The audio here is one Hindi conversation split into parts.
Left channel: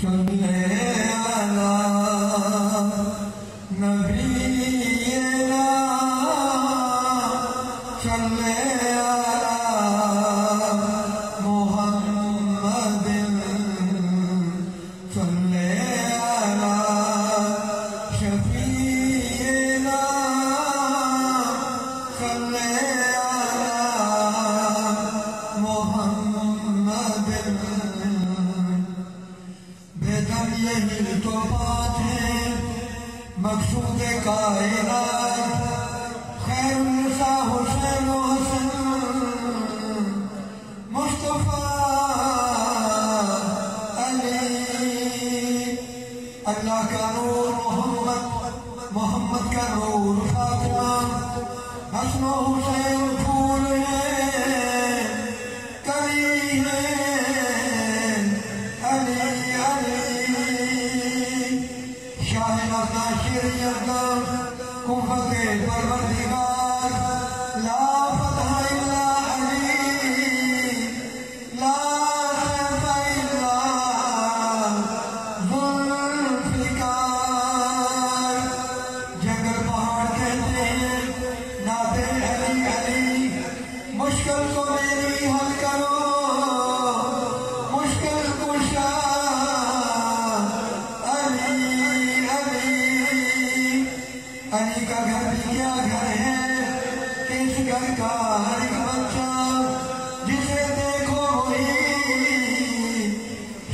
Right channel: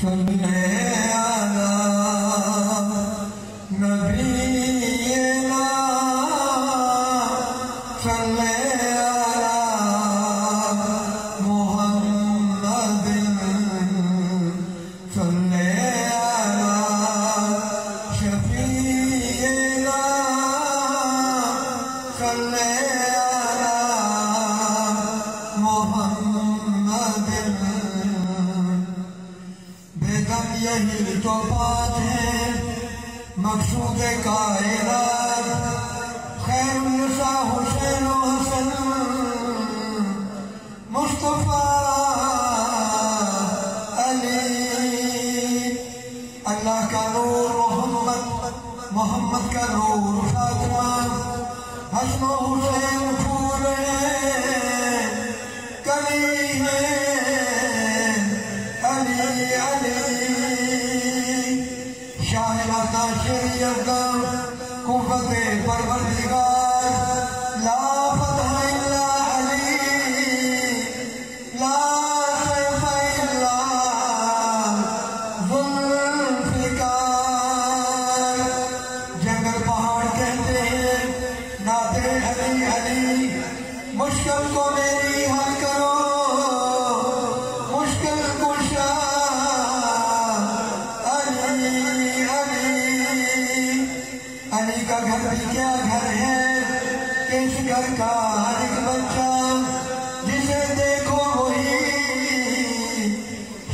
सल्ले अला नबीना सल्ले अला मुहम्मदिन सल्ले अला शफीना सल्ले अला मुहम्मदिन। बेदम यही तो बात है मकसूद कायनात खैरुन्निसा हुसैन हसन मुस्तफा अली। अल्लाह का नूर मोहम्मद का नूर फातिमा हसन हुसैन फूल है कली है अली अली। शाहिदा शरीयत कुव्वते परवरदिगार ला फतह इल्ला अली ला सैफ इल्ला जुल्फिकार। जंगल पहाड़ कहते हैं नाते अली अली। मुश्किल को मेरी हल करो मुश्किल कुशा अली अली। अली का घर भी क्या घर है इस घर का हर एक बच्चा जिसे देखो वही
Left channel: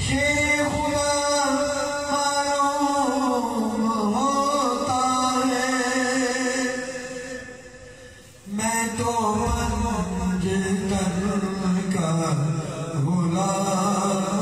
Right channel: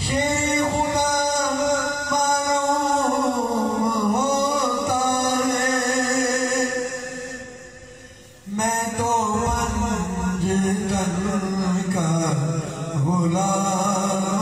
शेर खुदा मालूम होता है। मैं तो पंजतन का गुलाम